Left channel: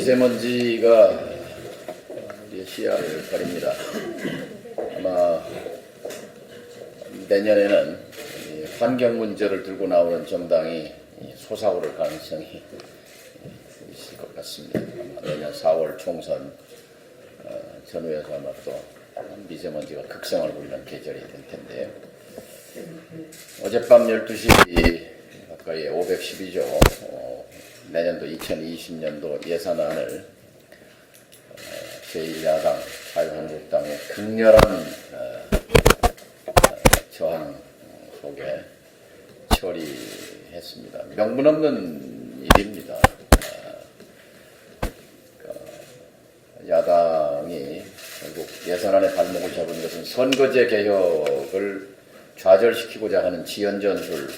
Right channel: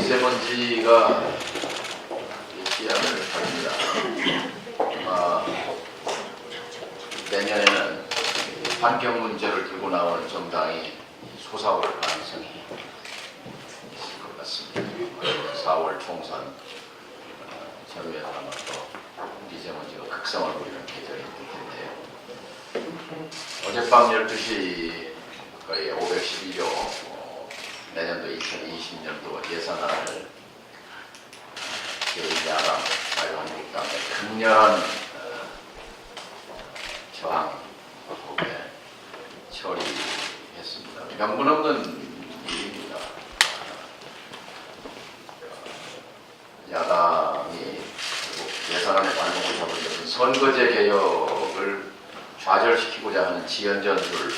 미세먼지가 시야를 가립니다. 아마 내년에는 환경 문제를 들고 나오는 정당이 솟아오를 가능성이 있을 것 같습니다. 그러면 4월 총선 전후에서 아마 또 미세먼지가 극성을 부리는 계절이 될 텐데요. 어젯밤 12시 가까이 512조 내년도 2020년도 예산안을 제1야당 자유한국당의 강렬한 저항 속에 처리했습니다. 명분 없는 일입니다. 야당이 결국 예산안에 발목을 잡은 것은 선거제 개혁을 좌절시키고자 하는 지연전술,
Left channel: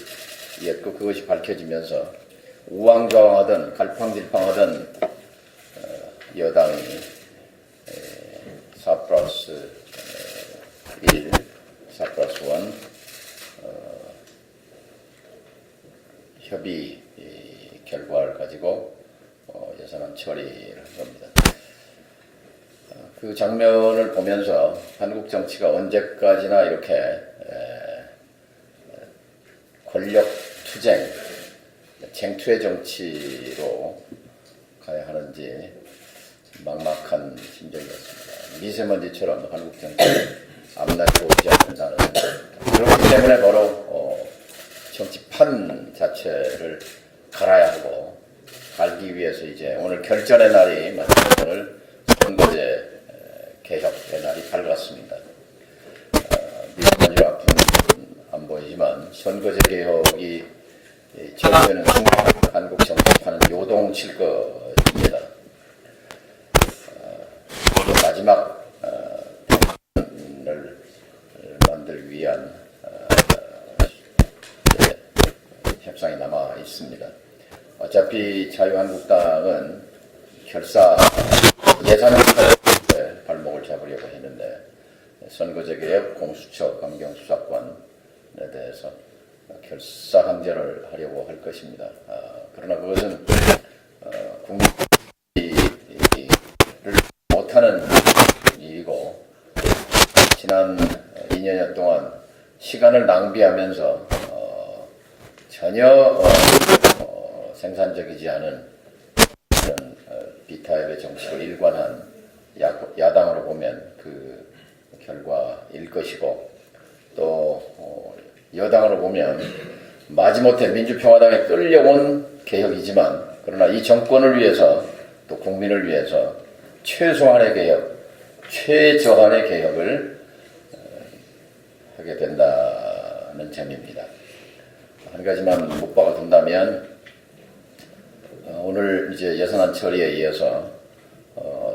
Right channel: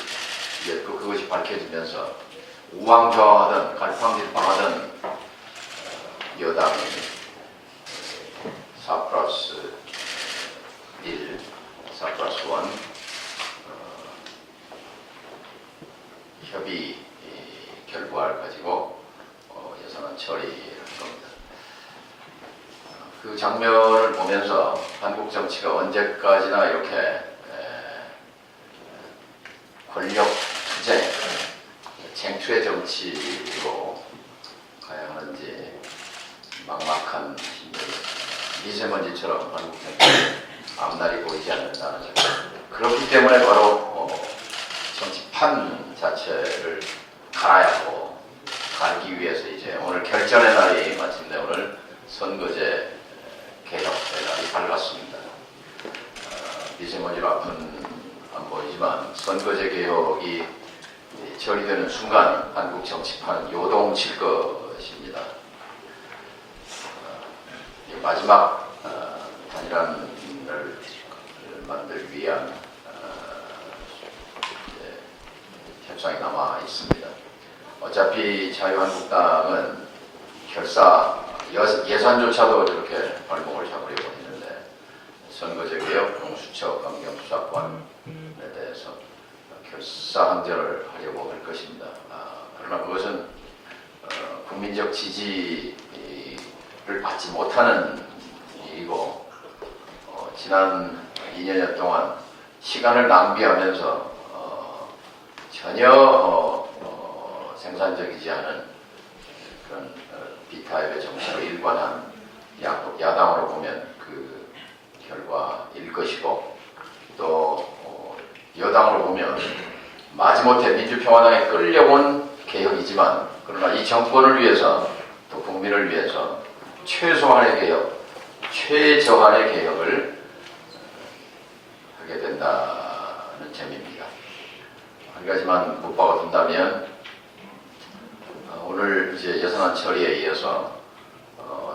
또 그것이 밝혀지면서 우왕좌왕하던 갈팡질팡하던 여당이 4+1, 4+1 협의 결과를 가지고 예산안 처리를 한 겁니다. 그 장면을 보면서 한국 정치가 언제까지나 이렇게 권력 투쟁, 쟁투의 정치로 가야 하는지 막막한 심정이었습니다. 미세먼지처럼 한국 정치를 앞날이 오지 않는다는, 그렇기 때문에 바로 정치판 자체를 갈아야 하고, 갈기 위해서 이제 오늘 결전의 날이 마침 오늘 선거제 개혁의 날이 밝았습니다. 미세먼지와 안 보이지만 선거제 개혁이 적용되는 순간 한국 정치판은 요동칠 것입니다. 마지막 대안을 만들기 위한 협상이 남아 있습니다. 어차피 자유한국당은 예산조차도 이렇게 발목을 잡으려고 했는데 선거제 개혁, 공수처, 검경수사권에 대해서 결사항전을 하려고 할 것입니다. 그러나 그것은 국민적 지지를 받지 못하는 일이고, 지난 2년 동안 시간을 낭비하면서 전혀 생산적이지 않은 그런 비타입의 정치로 일관한 야당으로 보면 그 결과일 것이고, 또 여당으로 보면 마지못해 민주평화당에 끌려온 개혁이지만, 그러나 이 정권을 위해서 또 국민을 위해서 최소한의 개혁, 최저한의 개혁을 하게 된다는 점입니다. 한 가지만 못 박아둔다면, 오늘 이제 예산안 처리에 의해서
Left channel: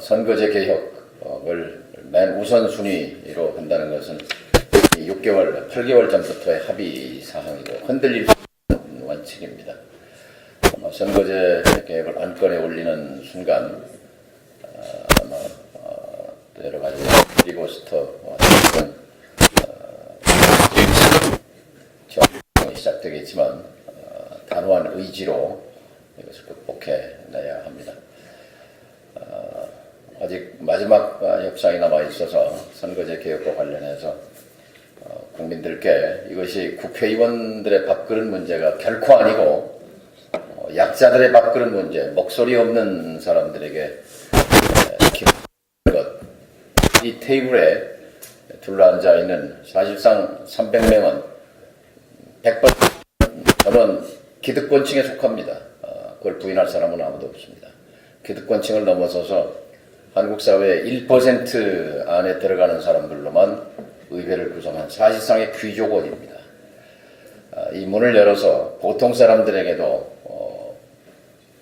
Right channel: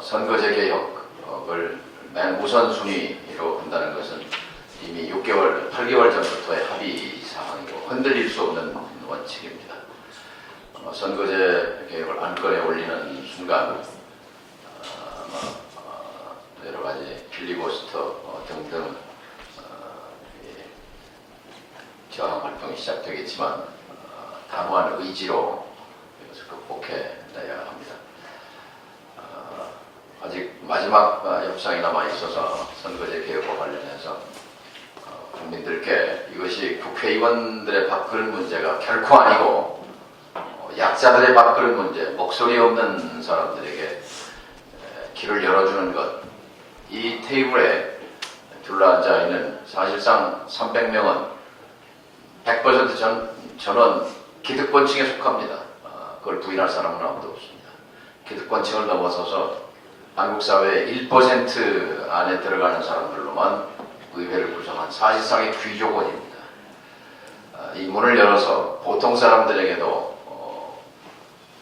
선거제 개혁을 맨 우선순위로 본다는 것은 8개월 전부터의 합의 사항이고 흔들릴 수 없는 원칙입니다. 선거제 개혁을 안건에 올리는 순간 아마 또 여러 가지 필리버스터 등 저항 활동이 시작되겠지만 단호한 의지로 이것을 극복해내야 합니다. 아직 마지막 협상이 남아 있어서 선거제 개혁과 관련해서 국민들께 이것이 국회의원들의 밥그릇 문제가 결코 아니고 약자들의 밥그릇 문제, 목소리 없는 사람들에게 길을 열어주는 것, 이 테이블에 둘러앉아 있는 사실상 300명은 100% 전원 기득권층에 속합니다. 그걸 부인할 사람은 아무도 없습니다. 기득권층을 넘어서서 한국 사회의 1% 안에 들어가는 사람들로만 의회를 구성한 사실상의 귀족원입니다. 이 문을 열어서 보통 사람들에게도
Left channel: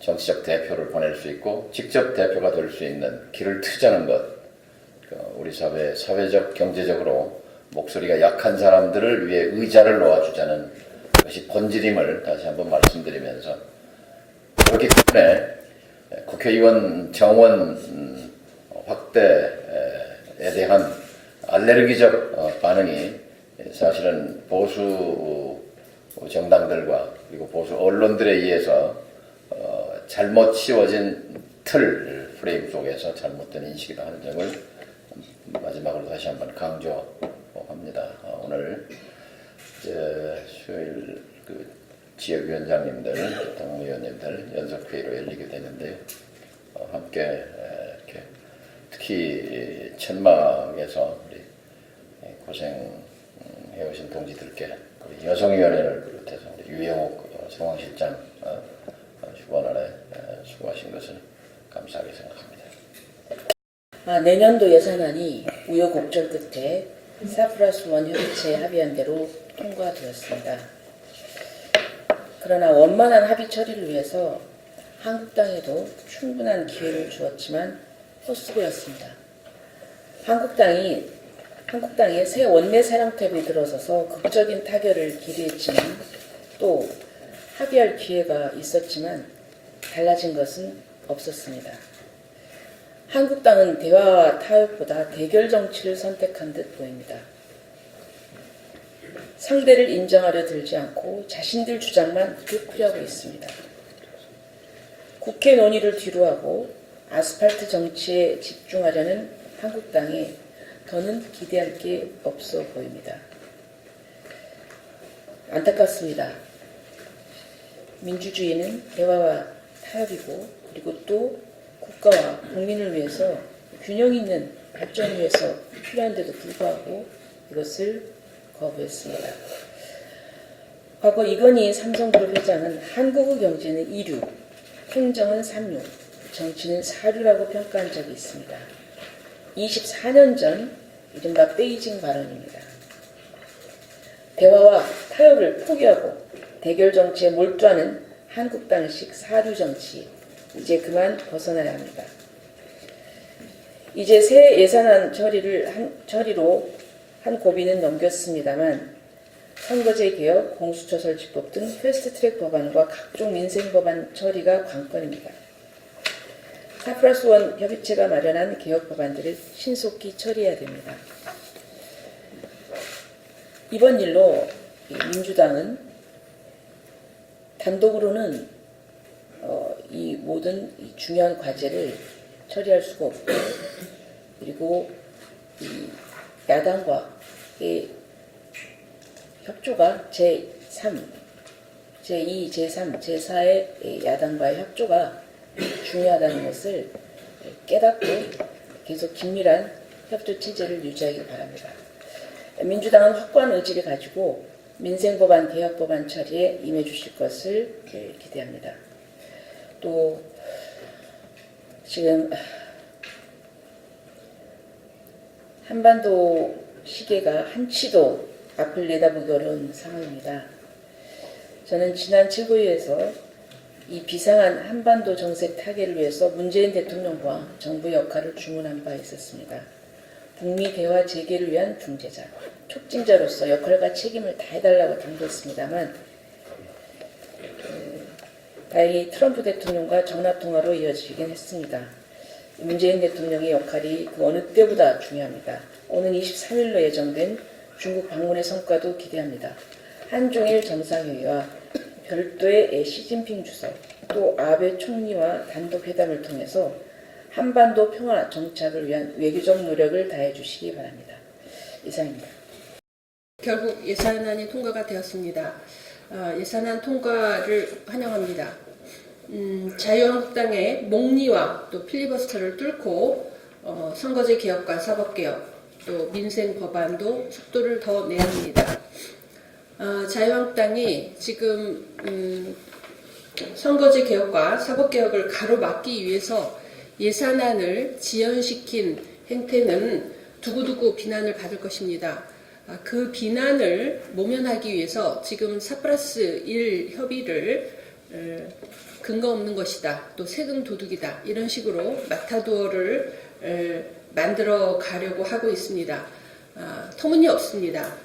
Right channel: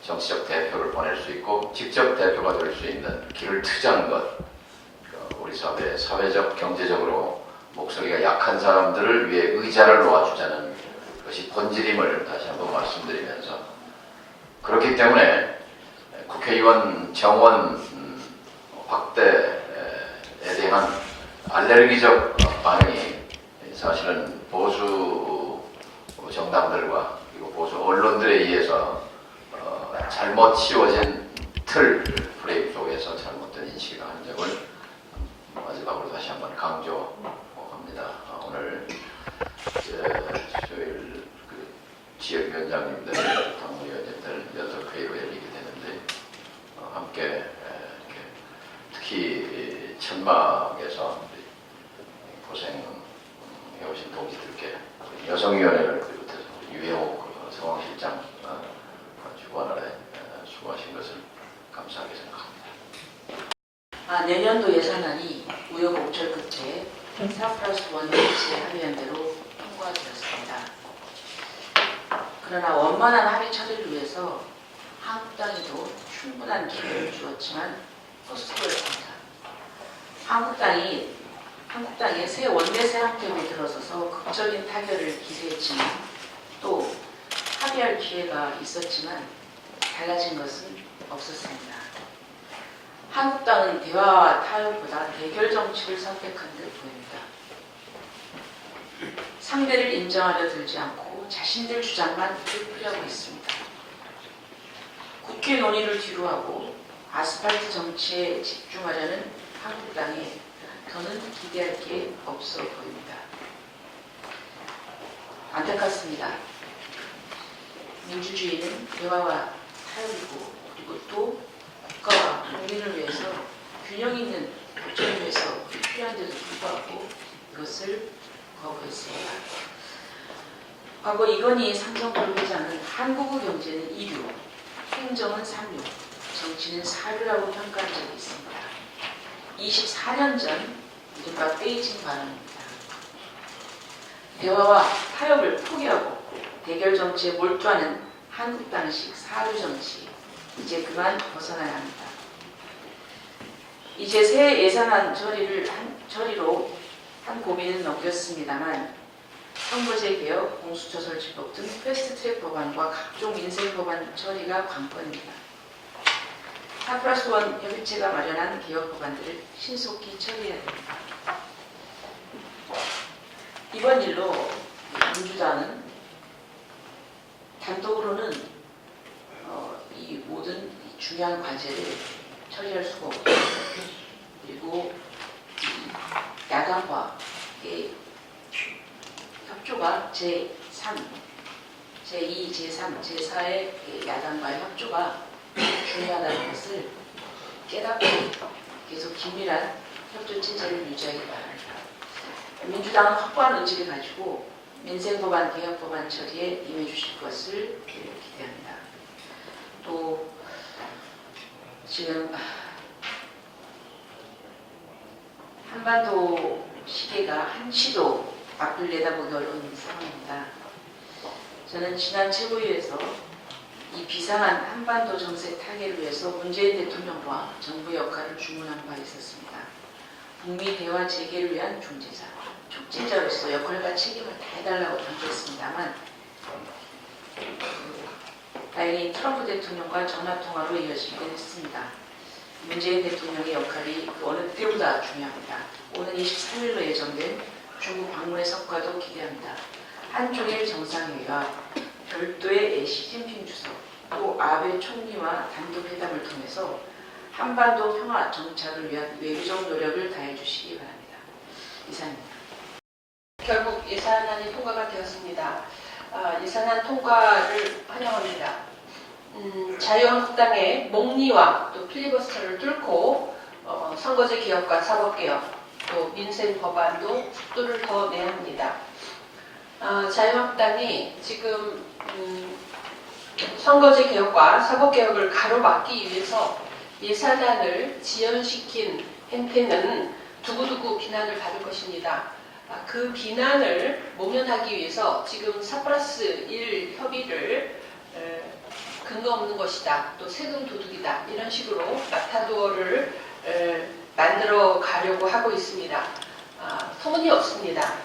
정치적 대표를 보낼 수 있고 직접 대표가 될 수 있는 길을 트자는 것, 우리 사회적, 경제적으로 목소리가 약한 사람들을 위해 의자를 놓아주자는 것이 본질임을 다시 한번 말씀드리면서, 그렇기 때문에 국회의원 정원 확대에 대한 알레르기적 반응이 사실은 보수 정당들과 그리고 보수 언론들에 의해서 잘못 씌워진 틀 프레임 속에서 잘못된 인식이다 하는 점을 마지막으로 다시 한번 강조합니다. 오늘 수요일 그 지역위원장님들, 당원위원님들 연석회의로 열리게 되는데 함께 이렇게 특히 천막에서 고생해오신 동지들께 여성위원회를 비롯해서 유영옥 상황실장 주관 아래 수고하신 것을 감사하게 생각합니다. 내년도 예산안이 우여곡절 끝에 4+1 협의체 합의안대로 통과되었습니다. 그러나 원만한 합의 처리를 위해서 한국당에도 충분한 기회를 주었지만 헛수고였습니다. 한국당의 새 원내 사랑탑에 들어서서 극적인 타결을 기대했지만 또 합의할 기회가 있었지만 달라진 것은 없었습니다. 한국당은 대화와 타협보다 대결 정치를 선택한 듯 보입니다. 상대를 인정하려 들지 않고 자신들 주장만 되풀이하고 있습니다. 국회 논의를 뒤로하고 아스팔트 정치에 집중하려는 한국당에 더는 기대할 게 없어 보입니다. 안타깝습니다. 민주주의는 대화와 타협이고 그리고 또 국가와 국민을 위해서 균형 있는 발전을 위해서 필요한데도 불구하고 이것을 거부했습니다. 과거 이건희 삼성그룹 회장은 한국의 경제는 2류, 행정은 3류, 정치는 4류라고 평가한 적이 있습니다. 24년 전 이른바 베이징 발언입니다. 대화와 타협을 포기하고 대결 정치에 몰두하는 한국당식 4류 정치, 이제 그만 벗어나야 합니다. 이제 새 예산안 처리로 한 고비는 넘겼습니다만 선거제 개혁, 공수처 집법 등 패스트트랙 법안과 각종 민생 법안 처리가 관건입니다. 4+1 협의체가 마련한 개혁 법안들을 신속히 처리해야 됩니다. 이번 일로 민주당은 단독으로는 이 모든 중요한 과제를 처리할 수가 없고 그리고 이 야당과의 협조가 제3, 제2, 제3, 제4의 야당과의 협조가 중요하다는 것을 깨닫고 계속 긴밀한 협조 체제를 유지하기 바랍니다. 민주당은 확고한 의지를 가지고 민생법안, 개혁법안 처리에 임해주실 것을 기대합니다. 또 지금 한반도 시계가 한치도 앞을 내다보기 어려운 상황입니다. 저는 지난 최고위에서 이 비상한 한반도 정세 타개를 위해서 문재인 대통령과 정부의 역할을 주문한 바 있었습니다. 북미 대화 재개를 위한 중재자, 촉진자로서 역할과 책임을 다해달라고 당부했습니다만 다행히 트럼프 대통령과 전화통화로 이어지긴 했습니다. 문재인 대통령의 역할이 그 어느 때보다 중요합니다. 오는 23일로 예정된 중국 방문의 성과도 기대합니다. 한중일 정상회의와 별도의 시진핑 주석, 또 아베 총리와 단독회담을 통해서 한반도 평화 정착을 위한 외교적 노력을 다해 주시기 바랍니다. 이상입니다. 결국 예산안이 통과가 되었습니다. 예산안 통과를 환영합니다. 자유한국당의 목리와 또 필리버스터를 뚫고 선거제 개혁과 사법개혁, 또 민생 법안도 속도를 더 내야 합니다. 자유한국당이 지금 선거제 개혁과 사법개혁을 가로막기 위해서 예산안을 지연시킨 행태는 두고두고 비난을 받을 것입니다. 그 비난을 모면하기 위해서 지금 4+1 협의를 근거 없는 것이다, 또 세금 도둑이다, 이런 식으로 마타도어를 만들어 가려고 하고 있습니다. 터무니없습니다.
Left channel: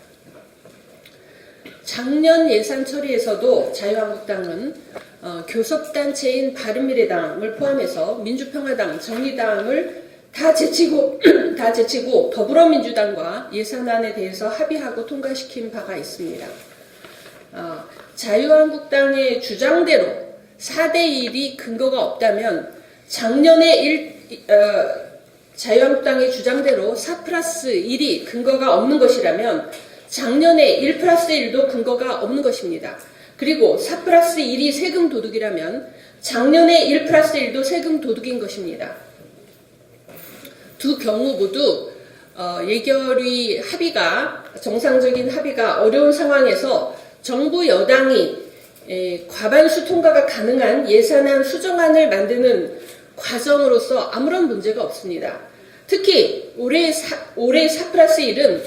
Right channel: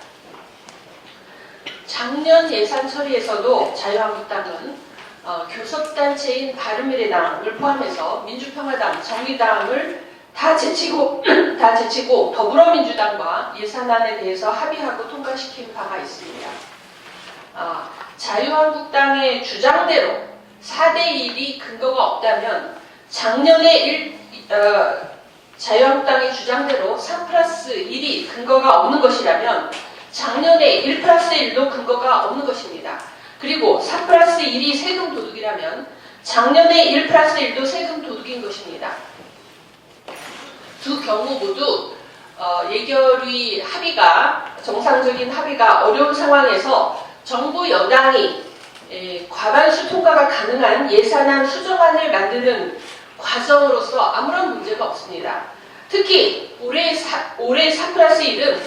작년 예산 처리에서도 자유한국당은 교섭단체인 바른미래당을 포함해서 민주평화당, 정의당을 다 제치고 더불어민주당과 예산안에 대해서 합의하고 통과시킨 바가 있습니다. 자유한국당의 주장대로 4대1이 근거가 없다면 작년에 자유한국당의 주장대로 4+1이 근거가 없는 것이라면 작년에 1+1도 근거가 없는 것입니다. 그리고 4+1이 세금 도둑이라면 작년에 1+1도 세금 도둑인 것입니다. 두 경우 모두 예결위 합의가 정상적인 합의가 어려운 상황에서 정부 여당이 과반수 통과가 가능한 예산안 수정안을 만드는 과정으로서 아무런 문제가 없습니다. 특히 올해 4+1은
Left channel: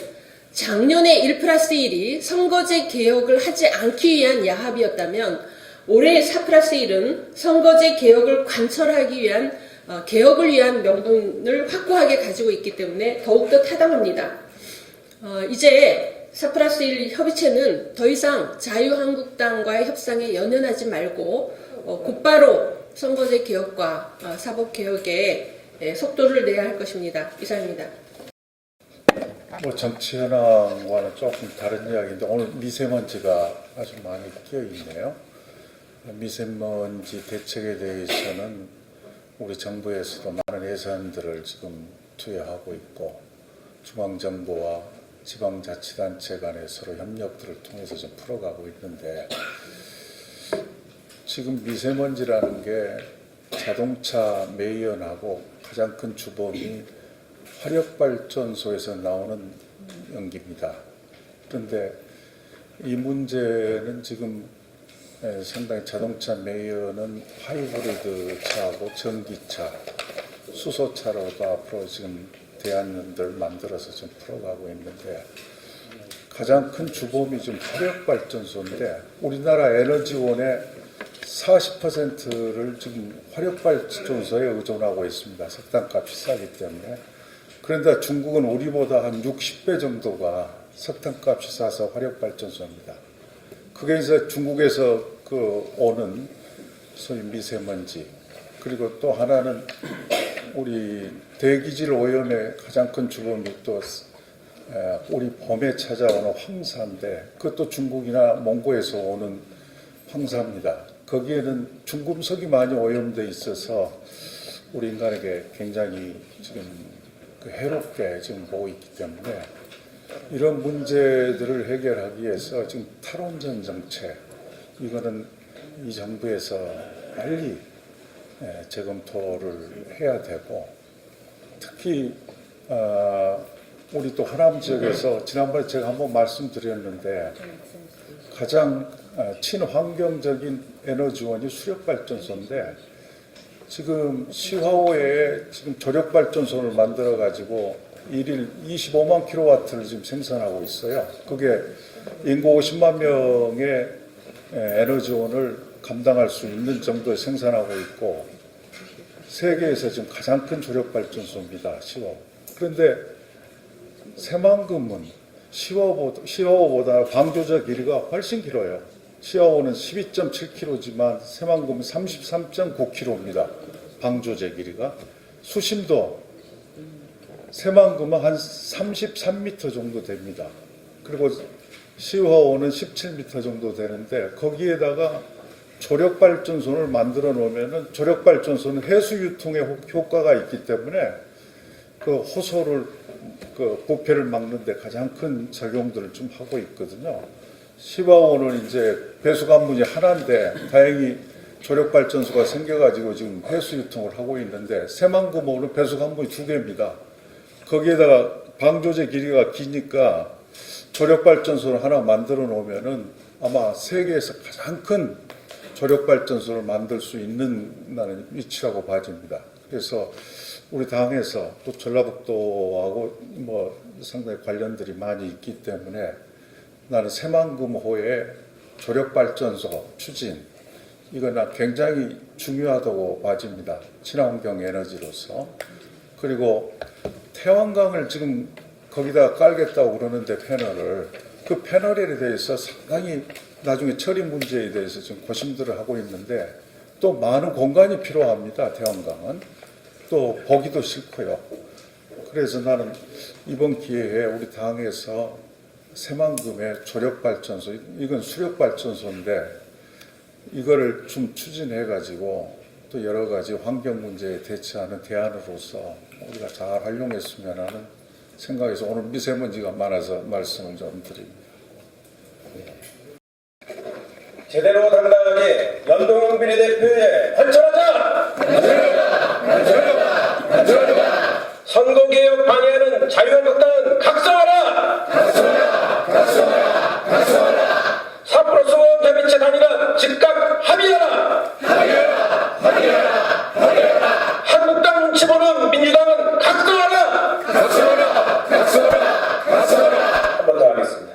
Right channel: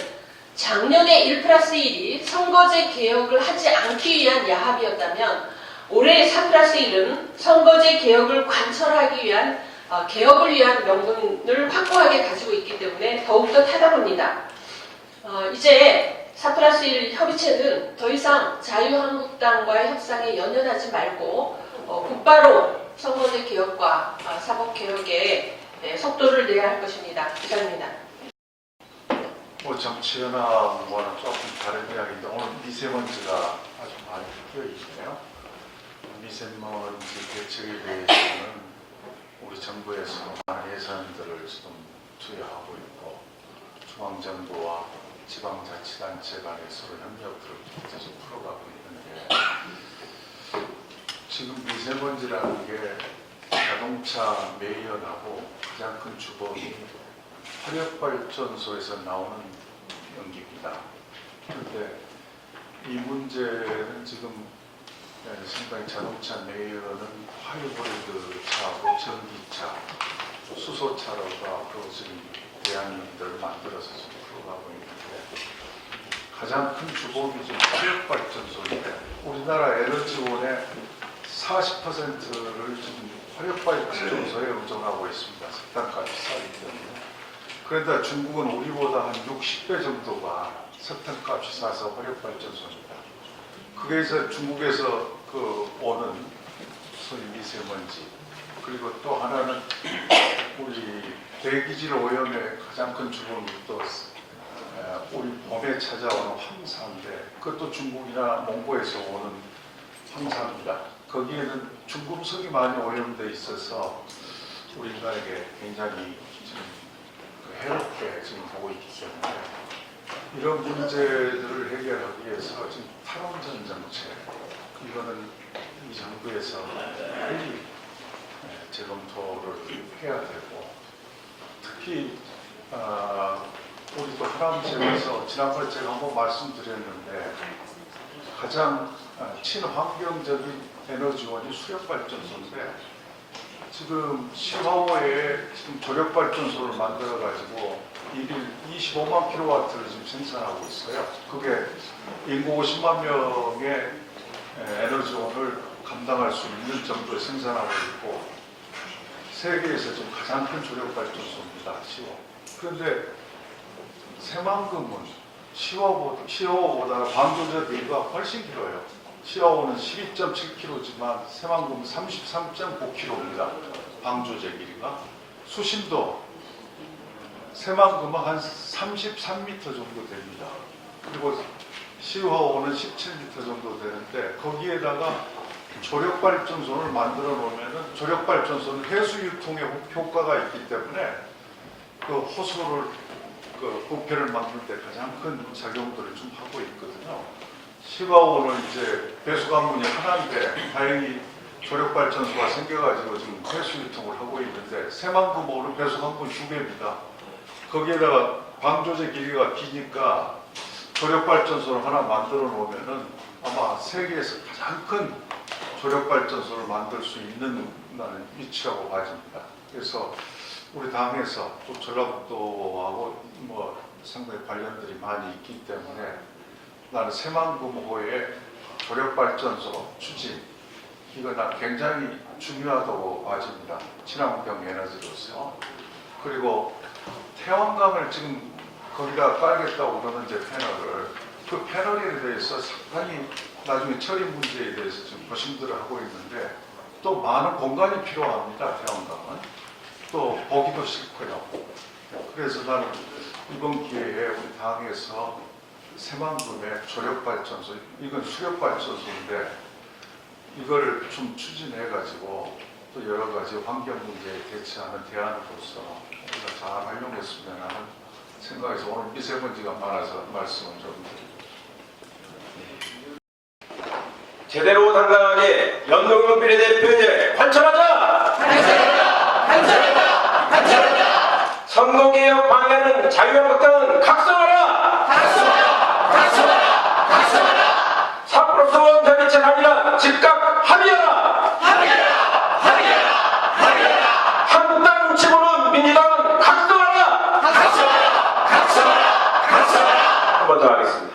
작년에 1+1이 선거제 개혁을 하지 않기 위한 야합이었다면 올해 4+1은 선거제 개혁을 관철하기 위한 개혁을 위한 명분을 확고하게 가지고 있기 때문에 더욱더 타당합니다. 이제 4+1 협의체는 더 이상 자유한국당과의 협상에 연연하지 말고 곧바로 선거제 개혁과 사법개혁에 속도를 내야 할 것입니다. 이상입니다. 뭐 정치 현황과는 조금 다른 이야기인데 오늘 미세먼지가 아주 많이 끼어 있네요. 미세먼지 대책에 대해서는 우리 정부에서도 많은 예산들을 지금 투여하고 있고 중앙정부와 지방자치단체 간의 서로 협력들을 통해서 좀 풀어가고 있는데 지금 미세먼지라는 게 자동차 매연하고 가장 큰 주범이 화력발전소에서 나오는 연기입니다. 그런데 이 문제는 지금 상당히 자동차 매연은 하이브리드 차하고 전기차, 수소차로도 앞으로 지금 대안들 만들어서 좀 풀어가고 있는데 가장 큰 주범이 지금 화력발전소인데 우리나라 에너지원의 40%를 지금 화력발전소에 의존하고 있습니다. 석탄값이 싸기 때문에. 그런데 중국은 우리보다 한 60배 정도가 석탄값이 싸서 화력발전소입니다. 그게 이제 중국에서 오는 소위 미세먼지 그리고 또 하나는 우리 대기질 오염의 가장 큰 주범이 또 우리 봄에 찾아오는 황사인데 그것도 중국이나 몽고에서 오는 황사입니다. 거기에는 중금속이 많이 오염되어 있어서 우리 인간에게 굉장히 지금 해롭게 지금 보고 있기 때문에 이런 문제들을 해결하기 위해서 지금 탈원전 정책 이거는 이 정부에서 빨리 재검토를 해야 되고 특히 우리 또 하남 지역에서 지난번에 제가 한번 말씀드렸는데 가장 친환경적인 에너지원이 수력발전소인데 지금 시화호에 지금 조력발전소를 만들어 가지고 일일 25만 킬로와트를 지금 생산하고 있어요. 그게 인구 50만 명의 에너지원을 감당할 수 있는 정도에 생산하고 있고 세계에서 좀 가장 큰 조력발전소입니다. 시화호. 그런데 새만금은 시화호보다 광교적 길이가 훨씬 길어요. 시화호는 12.7km지만 새만금은 33.9km입니다. 방조제 길이가. 수심도 새만금은 한 33m 정도 됩니다. 그리고 시화호는 17m 정도 되는데 거기에다가 조력발전소를 만들어 놓으면 조력발전소는 해수 유통에 효과가 있기 때문에 그 호소를 부패를 막는 데 가장 큰 작용들을 좀 하고 있거든요. 시화호는 이제 배수관문이 하나인데 다행히 조력발전소가 생겨가지고 지금 해수 유통을 하고 있는데 새만금호는 배수관문이 2개입니다. 거기에다가 방조제 길이가 기니까 조력발전소를 하나 만들어 놓으면은 아마 세계에서 가장 큰 조력발전소를 만들 수 있는 위치라고 봐집니다. 그래서 우리 당에서 또 전라북도하고 뭐 상당히 관련들이 많이 있기 때문에 나는 새만금호의 조력발전소 추진 이거는 굉장히 중요하다고 봐집니다. 친환경 에너지로서. 그리고 태양광을 지금 거기다 깔겠다고 그러는데 패널을 그 패널에 대해서 상당히 나중에 처리 문제에 대해서 좀 고심들을 하고 있는데 또 많은 공간이 필요합니다. 태양광은 또 보기도 싫고요. 그래서 나는 이번 기회에 우리 당에서 새만금의 조력발전소 이건 수력발전소인데 이거를 좀 추진해 가지고 또 여러 가지 환경 문제에 대처하는 대안으로서 우리가 잘 활용했으면 하는 생각에서 오늘 미세먼지가 많아서 말씀을 좀 드립니다. 제대로 당당하게 연동형 비례대표에 관철하자! 선거개혁 방해하는 자유한국당은 각성하라! 4+1 협의체 단일화 즉각 합의하라! 한국당 눈치 보는 민주당은 각성하라! 한 번 더 하겠습니다.